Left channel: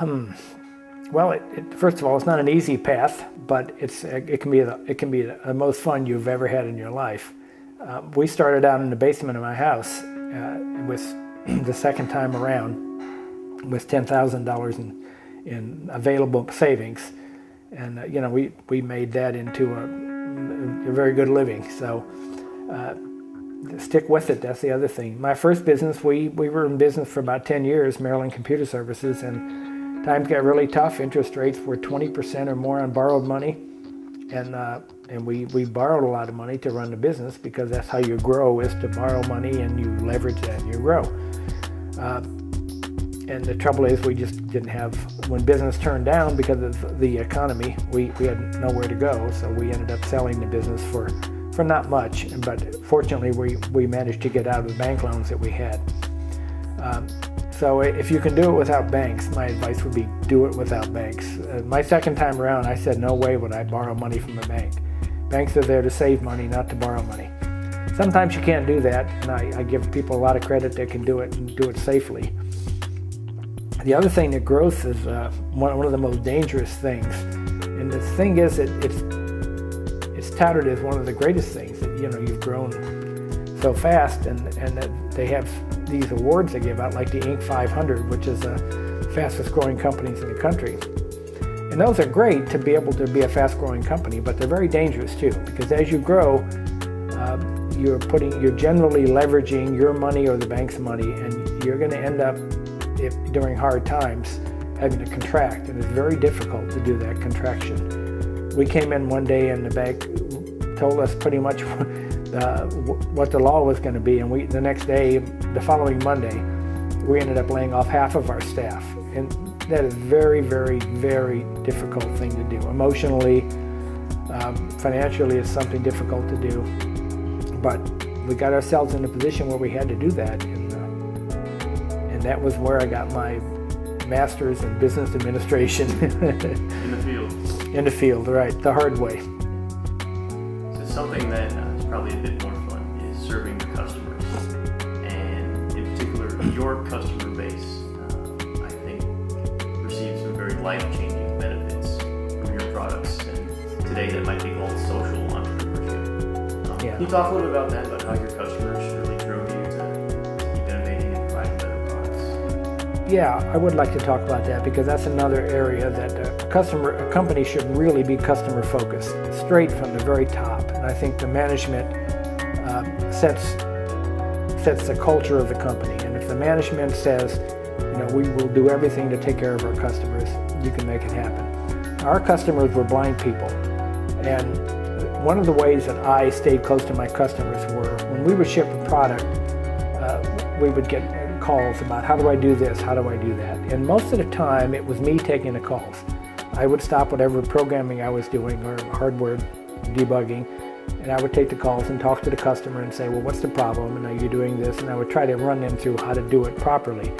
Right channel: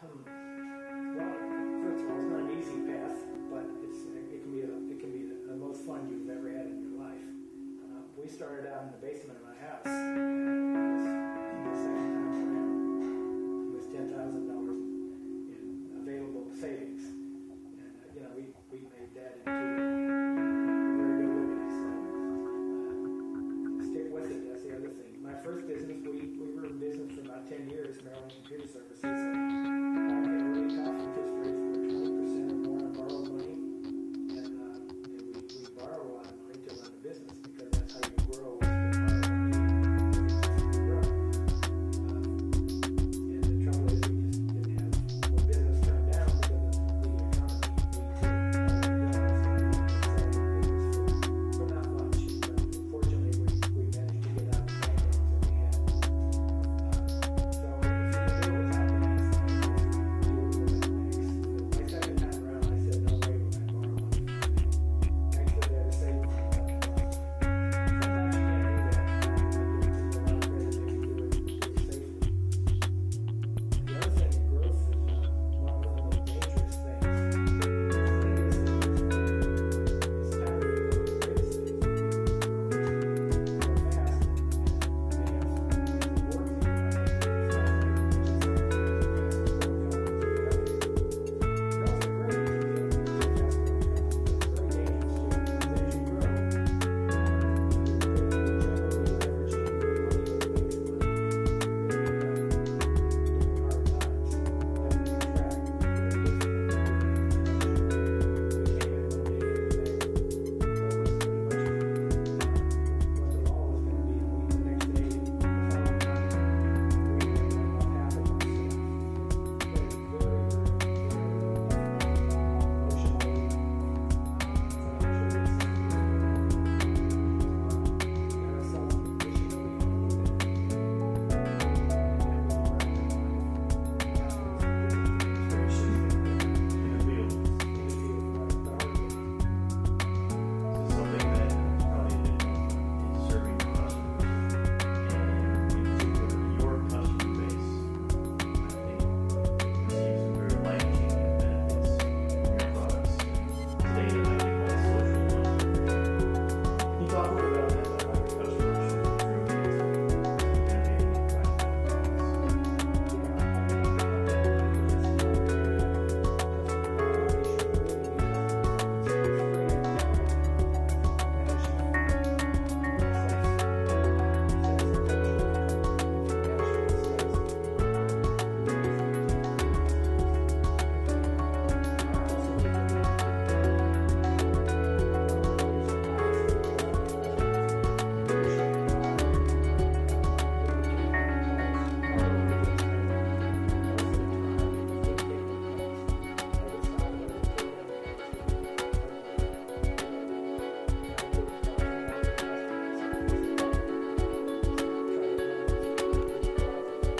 Well, first of all, it's not an easy path, but it can be the most fun you've ever had in your life. We started out in the basement of my house. It was the second time around with $10,000 in available savings, and we made that into a very good living. So stick with it. That's the other thing. My first business, we were in business for about 10 years, Maryland Computer Services, and times got really tough. Interest rates were 20% or more on borrowed money, and we borrowed a lot of money to run the business, because that's how you grow, is to borrow money and you leverage that and you grow. And the trouble is, we just didn't have, when business turned down because of the economy, we had nowhere to go, so we ended up selling the business for not much, but fortunately we managed to get out of the bank loans that we had. So if you can do it without banks, my advice would be do it without banks. My second time around, I said no way would I borrow money from a bank. Banks are there to save money, not to borrow money. Sometimes you can't do that, and I give people a lot of credit that can do it and do it safely. The other thing that growth is one of the most dangerous things. And the thing is that it's touted as one of the greatest things. That, you've grown so fast, and that they have these awards they give out, like the Inc. 500, which is the fastest growing companies in the country. And those are great to be able to be a fast growing company, but they're very dangerous too, because as you grow, you're generally leveraging your money or the bank's money, and you're going to end up, during hard times, having to contract, and it's very difficult to do that contraction. We came in one day and the bank told us pretty much what the law was going to be, and the next day, the following Monday, we ended up laying off half of our staff, and that is very, very, very difficult thing to do. Emotionally, financially, it's something difficult to do, but we got ourselves in a position where we had to do that. And that was where I got my master's in business administration. In the field. In the field, right, the hard way. So something that is probably a bit more fun is serving the customers. And in particular, your customer base, I think, receives some very life-changing benefits from your products. And today that might be called social entrepreneurship. Can you talk a little about that, about how your customers really drove you to keep innovating and providing better products? Yeah, I would like to talk about that, because that's another area that a company should really be customer focused, straight from the very top. And I think the management sets the culture of the company. And if the management says, we will do everything to take care of our customers, you can make it happen. Our customers were blind people, and one of the ways that I stayed close to my customers were when we would ship a product, we would get calls about how do I do this, how do I do that. And most of the time it was me taking the calls. I would stop whatever programming I was doing or hardware debugging, and I would take the calls and talk to the customer and say, well, what's the problem, and are you doing this? And I would try to run them through how to do it properly.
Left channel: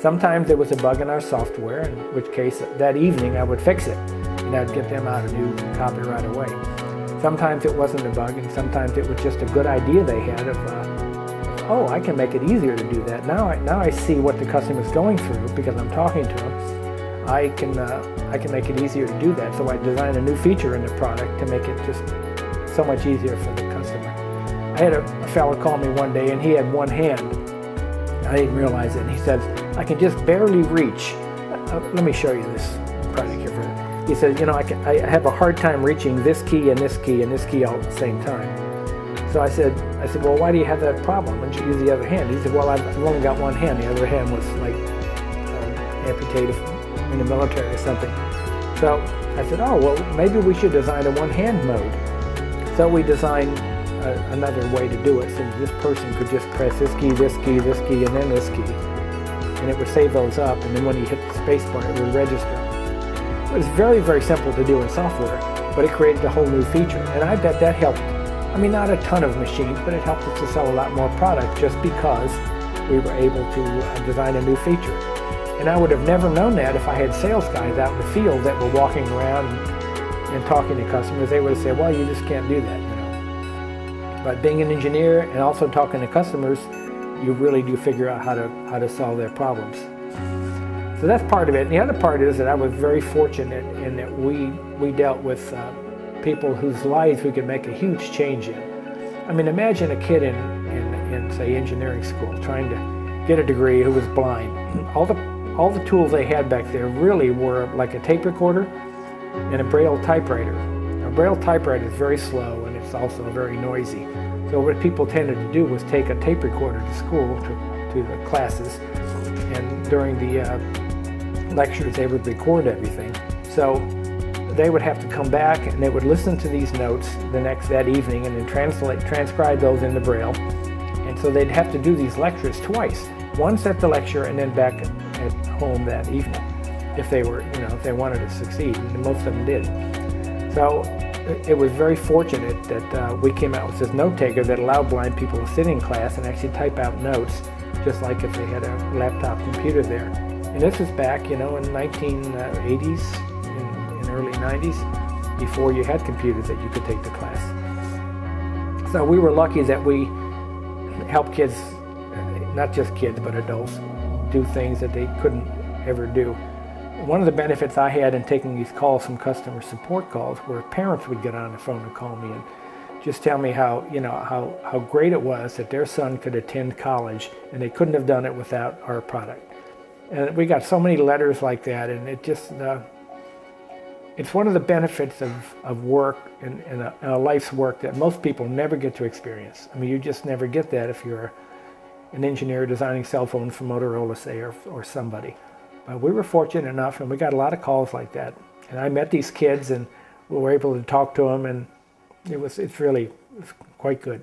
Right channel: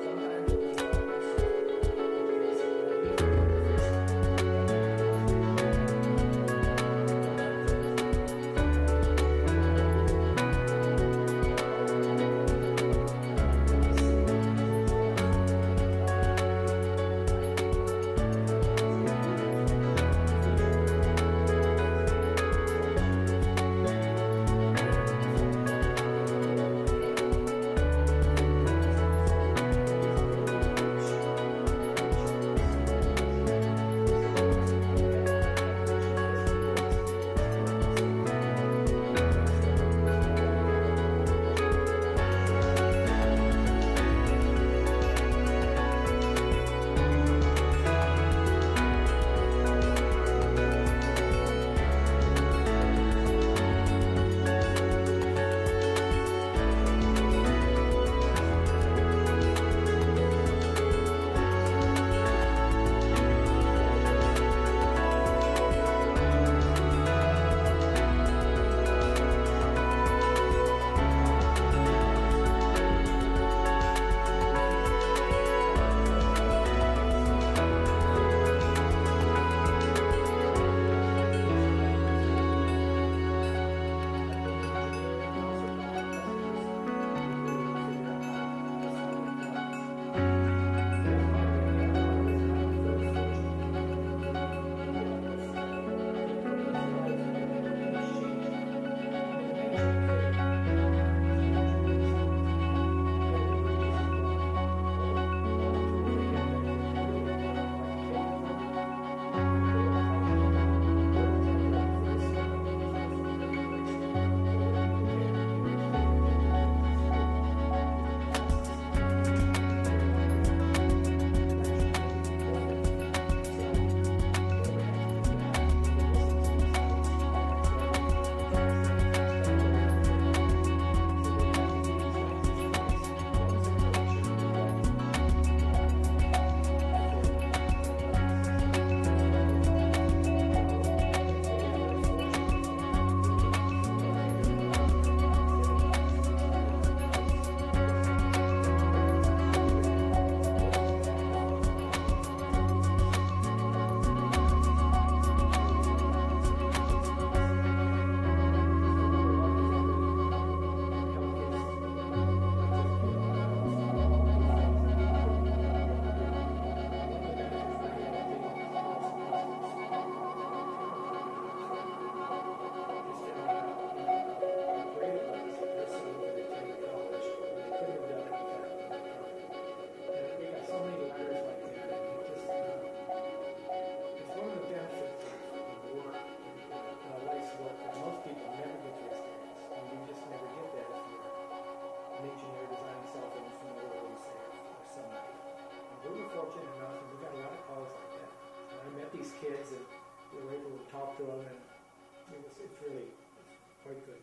Sometimes there was a bug in our software, in which case that evening I would fix it, and I'd get them out a new copy right away. Sometimes it wasn't a bug, and sometimes it was just a good idea they had of, oh, I can make it easier to do that. Now I see what the customer's going through because I'm talking to them. I can make it easier to do that. So I designed a new feature in the product to make it just so much easier for the customer. I had a fellow call me one day, and he had one hand. I didn't realize it. He said, I can just barely reach. Let me show you this product here. He said, I have a hard time reaching this key and this key and this key all at the same time. So I said, well, why do you have that problem? Why don't you use the other hand? He said, well, I've only got one hand. The other hand was like amputated in the military or something. So I said, oh, well, maybe we should design a one-hand mode. So we designed another way to do it, so this person could just press this key, this key, this key, and then this key. And it would save those up, and then when you hit the space bar, it would register. It was very, very simple to do in software, but it created a whole new feature. And I bet that helped. I mean, not a ton of machines, but it helped us to sell a lot more product just because we were able to design a new feature. And I would have never known that if I had sales guys out in the field that were walking around and talking to customers. They would say, well, you just can't do that. But being an engineer and also talking to customers, you really do figure out how to solve their problems. So that's part of it. And the other part is that I was very fortunate in that we dealt with people whose lives we could make a huge change in. I mean, imagine a kid in say, engineering school trying to get a degree who was blind. All the tools they had back there really were like a tape recorder and a Braille typewriter. A Braille typewriter is very slow and it's also very noisy. So what people tended to do was take a tape recorder to school, to the classes, and during the lectures they would record everything. So they would have to come back and they would listen to these notes that evening and then transcribe those into Braille. And so they'd have to do these lectures twice, once at the lecture and then back at home that evening, if they were, if they wanted to succeed, and most of them did. So it was very fortunate that we came out with this note taker that allowed blind people to sit in class and actually type out notes, just like if they had a laptop computer there. And this was back, in the 1980s. 90s, before you had computers that you could take to class. So we were lucky that we helped kids, not just kids, but adults, do things that they couldn't ever do. One of the benefits I had in taking these calls from customer support calls were parents would get on the phone and call me and just tell me how great it was that their son could attend college and they couldn't have done it without our product. And we got so many letters like that, and it just, it's one of the benefits of work and a life's work that most people never get to experience. I mean, you just never get that if you're an engineer designing cell phones for Motorola, say, or somebody. But we were fortunate enough, and we got a lot of calls like that. And I met these kids, and we were able to talk to them, and it's really quite good.